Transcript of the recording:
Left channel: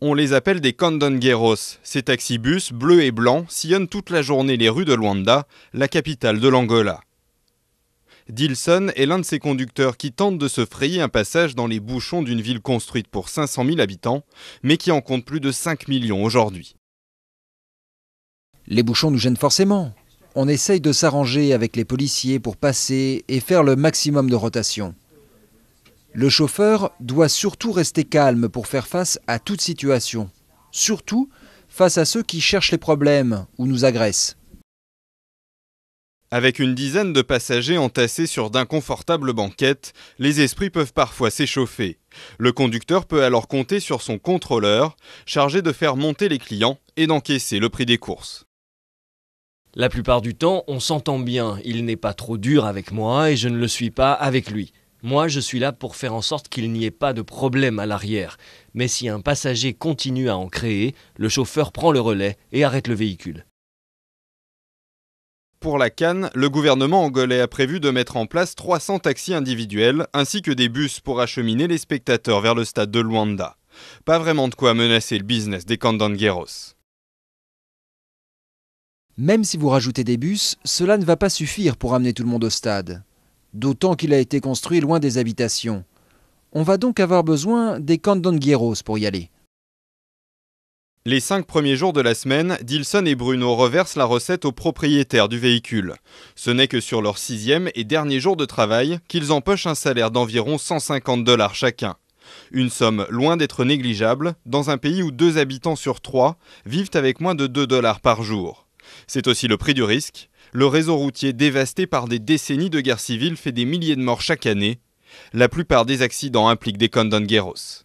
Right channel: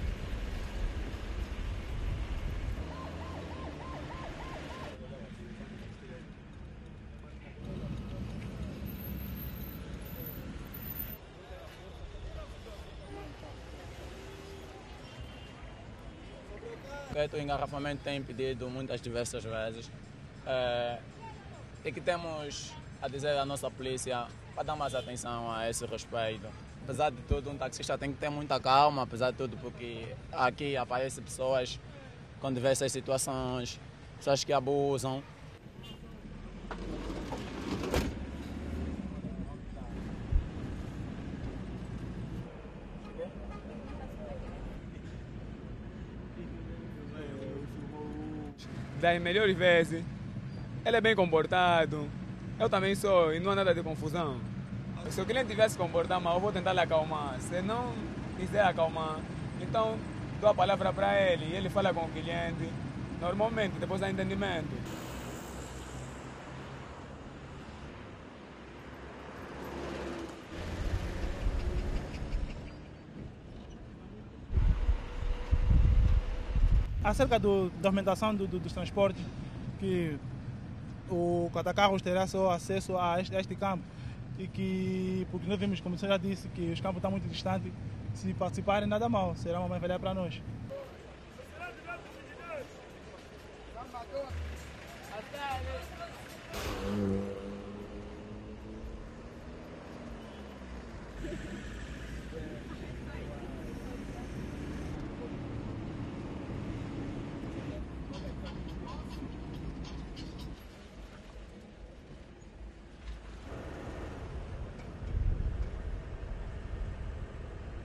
On les appelle des candongueros. Ces taxibus bleus et blancs sillonnent toute la journée les rues de Luanda, la capitale de l'Angola. Dilson est l'un de ces conducteurs qui tentent de se frayer un passage dans les bouchons d'une ville construite pour 500 000 habitants, mais qui en compte plus de 5 millions aujourd'hui. Les bouchons nous gênent forcément. On essaye de s'arranger avec les policiers pour passer et faire le maximum de rotation. Le chauffeur doit surtout rester calme pour faire face à toute situation, surtout face à ceux qui cherchent les problèmes ou nous agressent. Avec une dizaine de passagers entassés sur d'inconfortables banquettes, les esprits peuvent parfois s'échauffer. Le conducteur peut alors compter sur son contrôleur, chargé de faire monter les clients et d'encaisser le prix des courses. La plupart du temps, on s'entend bien. Il n'est pas trop dur avec moi et je ne le suis pas avec lui. Moi, je suis là pour faire en sorte qu'il n'y ait pas de problème à l'arrière. Mais si un passager continue à en créer, le chauffeur prend le relais et arrête le véhicule. Pour la CAN, le gouvernement angolais a prévu de mettre en place 300 taxis individuels ainsi que des bus pour acheminer les spectateurs vers le stade de Luanda. Pas vraiment de quoi menacer le business des candongueros. Même si vous rajoutez des bus, cela ne va pas suffire pour amener tout le monde au stade, d'autant qu'il a été construit loin des habitations. On va donc avoir besoin des candongueros pour y aller. Les 5 premiers jours de la semaine, Dilson et Bruno reversent la recette aux propriétaires du véhicule. Ce n'est que sur leur 6e et dernier jour de travail qu'ils empochent un salaire d'environ 150 $ chacun. Une somme loin d'être négligeable dans un pays où 2 habitants sur 3 vivent avec moins de 2 $ par jour. C'est aussi le prix du risque. Le réseau routier dévasté par des décennies de guerre civile fait des milliers de morts chaque année. La plupart des accidents impliquent des candongueros.